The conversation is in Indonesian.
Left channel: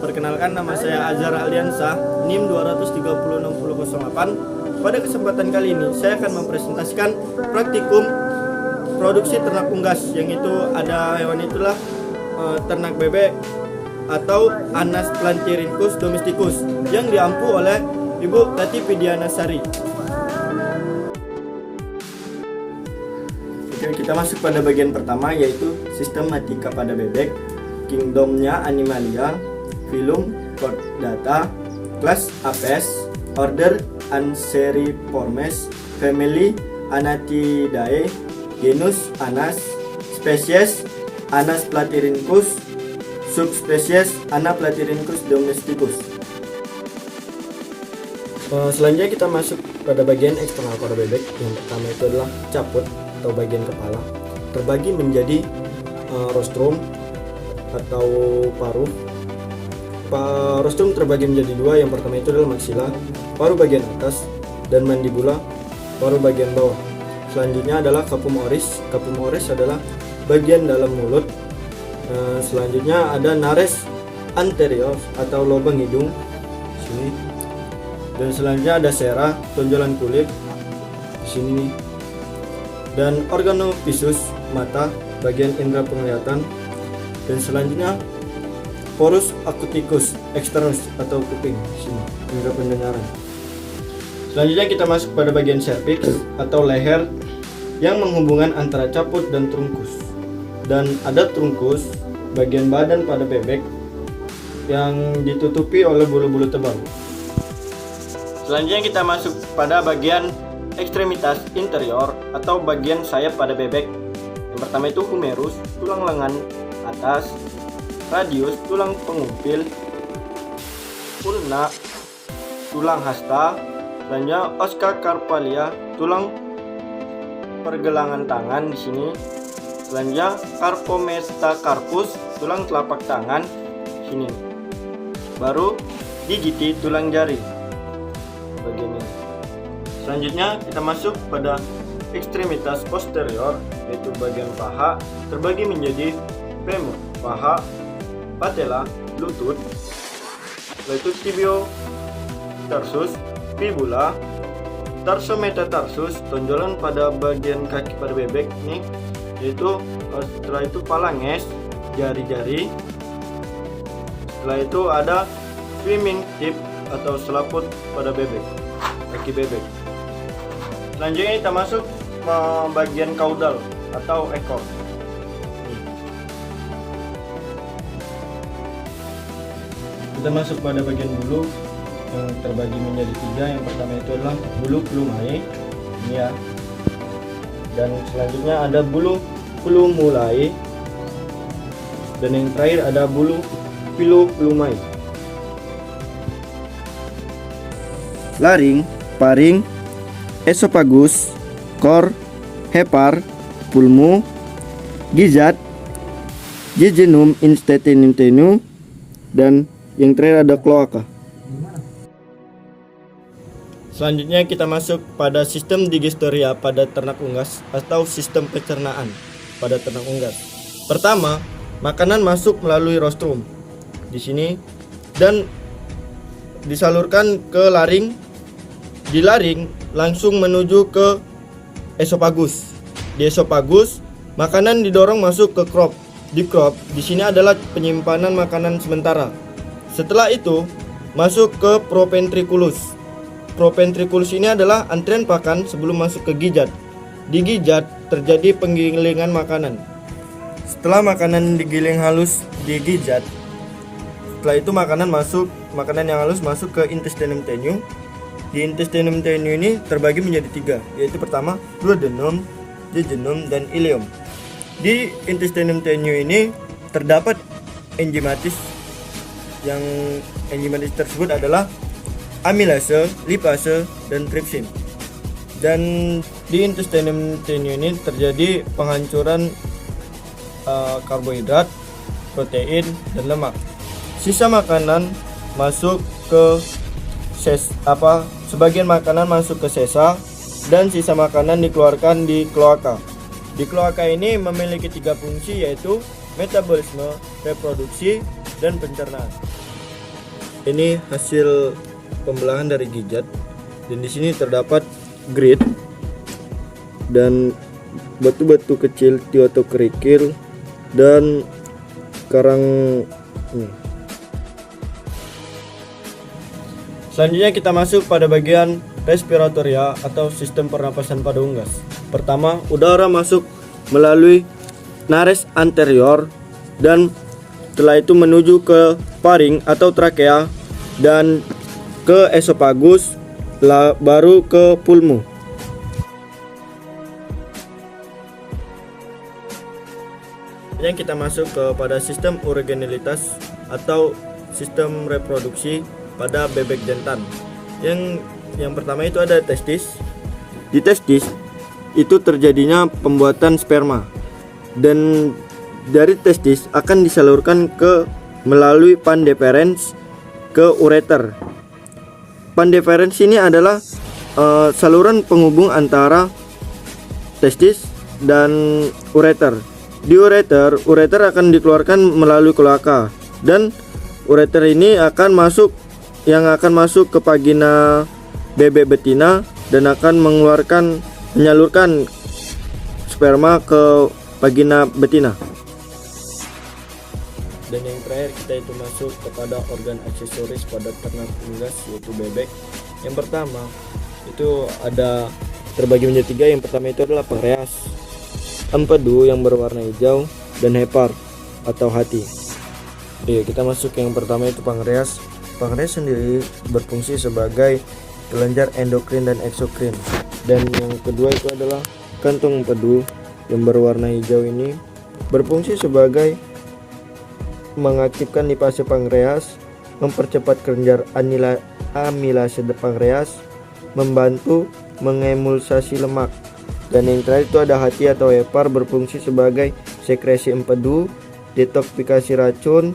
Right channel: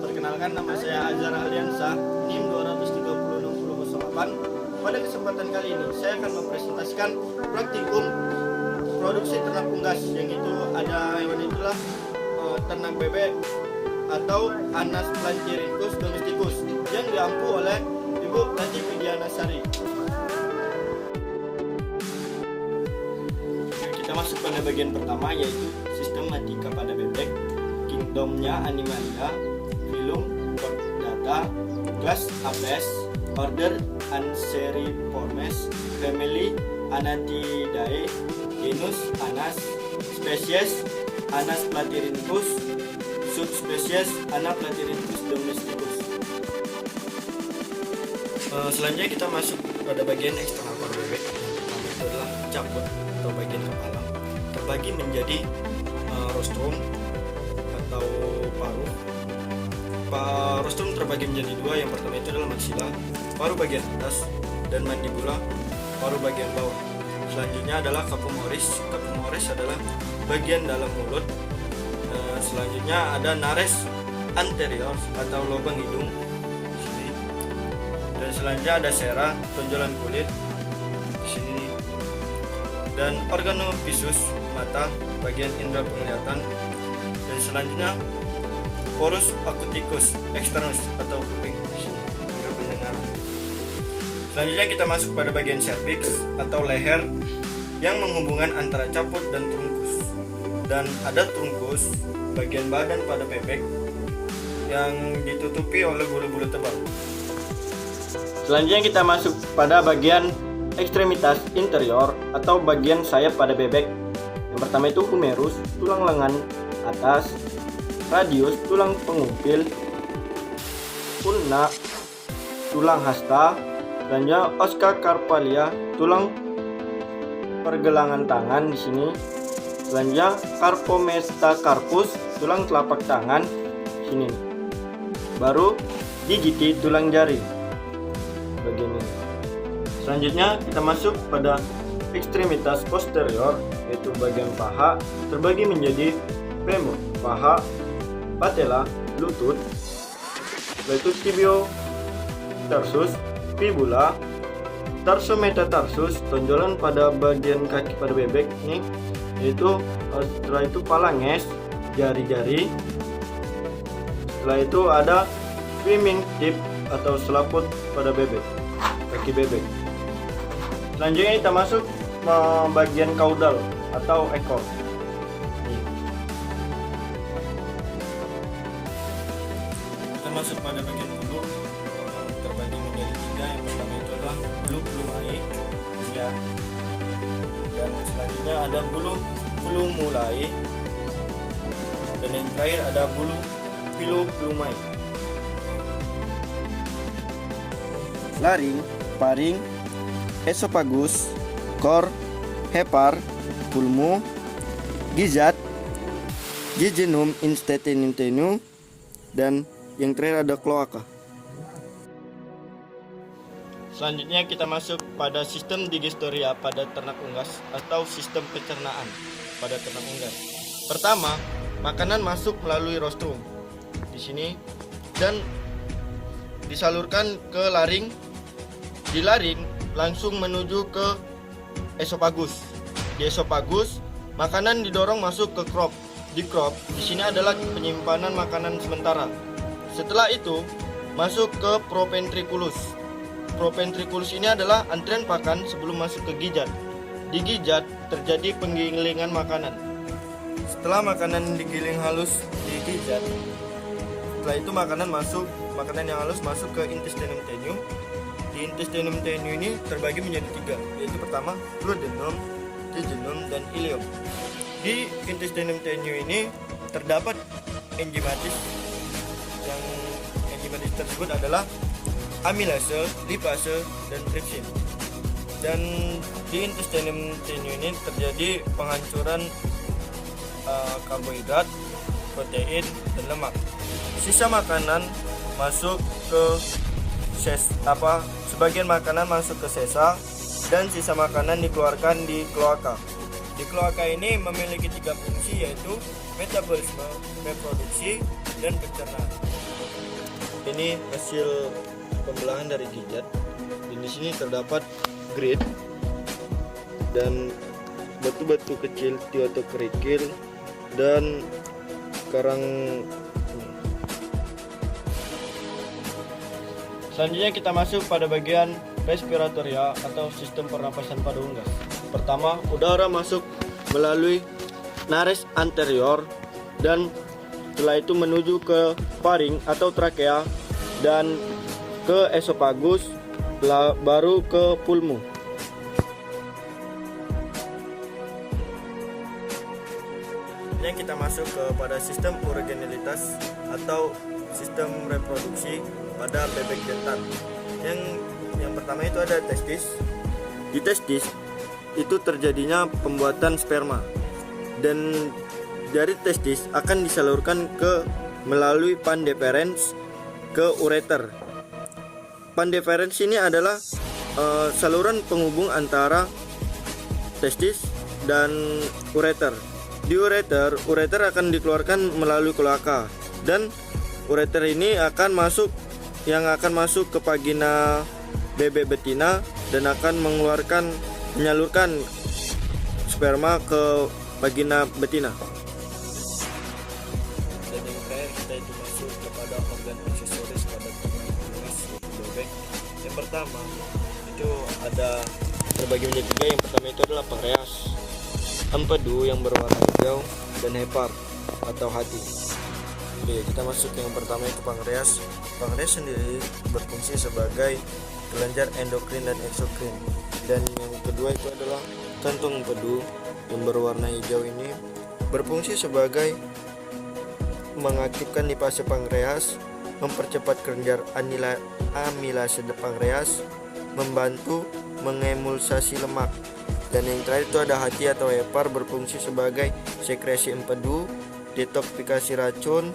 Perkenalkan, nama saya Azhar Aliansa, NIM 2306008. Pada kesempatan kali ini saya akan mempresentasikan praktikum produksi ternak unggas, yang itu ada hewan itulah ternak bebek atau Anas plantyrhynchus domesticus yang diampu oleh Ibu Tati Pidianasari. Oke, kita masuk pada bagian pertama, yaitu sistematika pada bebek, kingdomnya Animalia, filum Chordata, kelas Apes, order Anseriformes, family Anatidae, genus Anas, spesies Anas plantyrhynchus, subspesies Anas plantyrhynchus domesticus. Selanjutnya kita masuk pada bagian eksternal pada bebek. Yang pertama itu adalah caput atau bagian kepala, terbagi menjadi rostrum atau paruh. Rostrum terbagi menjadi dua. Yang pertama itu adalah maksila, paruh bagian atas, dan mandibula, paruh bagian bawah. Selanjutnya adalah capum oris. Capum oris adalah bagian dalam mulut. Selanjutnya ada nares anterior atau lubang hidung sini. Dan selanjutnya ada sera, tonjolan kulit di sini. Dan organovisus, mata, bagian indera penglihatan. Dan selanjutnya porus acousticus externus atau kuping sini, indera pendengaran. Selanjutnya kita masuk pada bagian cervix atau leher yang menghubungkan antara caput dan trunkus. Dan ada trunkus, bagian badan pada bebek yang ditutupi oleh bulu-bulu tebal. Selanjutnya kita masuk pada bagian ekstremitas interior atau bagian sayap pada bebek. Yang pertama itu humerus, tulang lengan atas, radius, tulang pengumpil, ulna, tulang hasta, selanjutnya oska carpalia, tulang pergelangan tangan di sini. Selanjutnya carpometacarpus, tulang telapak tangan sini. Baru digiti, tulang jari bagian ini. Selanjutnya kita masuk pada ekstremitas posterior, yaitu bagian paha, terbagi menjadi femur, paha, patella, lutut, yaitu tibio tarsus, fibula, tarsometatarsus, tonjolan pada bagian kaki pada bebek nih, yaitu setelah itu phalanges, jari-jari. Setelah itu ada swimming tip atau selaput pada bebek, kaki bebek. Selanjutnya kita masuk bagian kaudal atau ekor. Kita masuk pada bagian bulu yang terbagi menjadi tiga. Yang pertama itu adalah bulu plumae, ini ya. Dan selanjutnya ada bulu plumulae. Dan yang terakhir ada bulu filoplumae. Laring, paring, esophagus, kor, hepar, pulmu, gizat, jejunum intestinum, dan yang terakhir ada kloaka. Selanjutnya kita masuk pada sistem digestoria pada ternak unggas atau sistem pencernaan pada ternak unggas. Pertama, makanan masuk melalui rostrum di sini dan disalurkan ke laring. Di laring langsung menuju ke esophagus. Di esophagus makanan didorong masuk ke crop. Di crop di sini adalah penyimpanan makanan sementara. Setelah itu masuk ke proventriculus. Proventriculus ini adalah antrian pakan sebelum masuk ke gijat. Di gijat terjadi penggilingan makanan. Setelah makanan digiling halus di gijat, setelah itu makanan yang halus masuk ke intestinum tenue. Di intestinum tenue ini terbagi menjadi tiga, yaitu pertama duodenum, jejunum, dan ileum. Di intestinum tenue ini terdapat enzimatis. Yang enzimatis tersebut adalah amilase, lipase, dan tripsin. Dan di intestinum tenue ini terjadi penghancuran karbohidrat, protein, dan lemak. Sisa makanan masuk ke sebagian makanan masuk ke sesa dan sisa makanan dikeluarkan di kloaka. Di kloaka ini memiliki tiga fungsi, yaitu metabolisme, reproduksi, dan pencernaan. Ini hasil pembelahan dari gijat, dan di sini terdapat grit dan batu-batu kecil atau kerikil dan karang. Selanjutnya kita masuk pada bagian respiratoria atau sistem pernapasan pada unggas. Pertama, udara masuk melalui nares anterior dan setelah itu menuju ke faring atau trakea dan ke esofagus, baru ke pulmu. Yang kita masuk kepada sistem urogenilitas atau sistem reproduksi pada bebek jantan. Yang pertama itu ada testis. Di testis itu terjadinya pembuatan sperma, dan dari testis akan disalurkan melalui pans deferens ke ureter. Pans deferens ini adalah saluran penghubung antara testis dan ureter. Di ureter akan dikeluarkan melalui kloaka, dan ureter ini akan masuk ke vagina bebek betina dan akan menyalurkan sperma ke vagina betina. Dan yang terakhir kita itu masuk kepada organ aksesoris pada ternak unggas, yaitu bebek. Yang pertama itu ada terbagi menjadi 3. Yang pertama itu adalah pankreas, empedu yang berwarna hijau, dan hepar atau hati. Oke, kita masuk yang pertama itu pankreas. Pankreas sendiri berfungsi sebagai kelenjar endokrin dan eksokrin. Dan yang kedua itu adalah kantong empedu yang berwarna hijau ini berfungsi sebagai mengaktifkan lipase pankreas, mempercepat kelenjar amilase pankreas, membantu mengemulsasi lemak. Dan yang terakhir itu ada hati atau hepar, berfungsi sebagai sekresi empedu, detoksifikasi racun,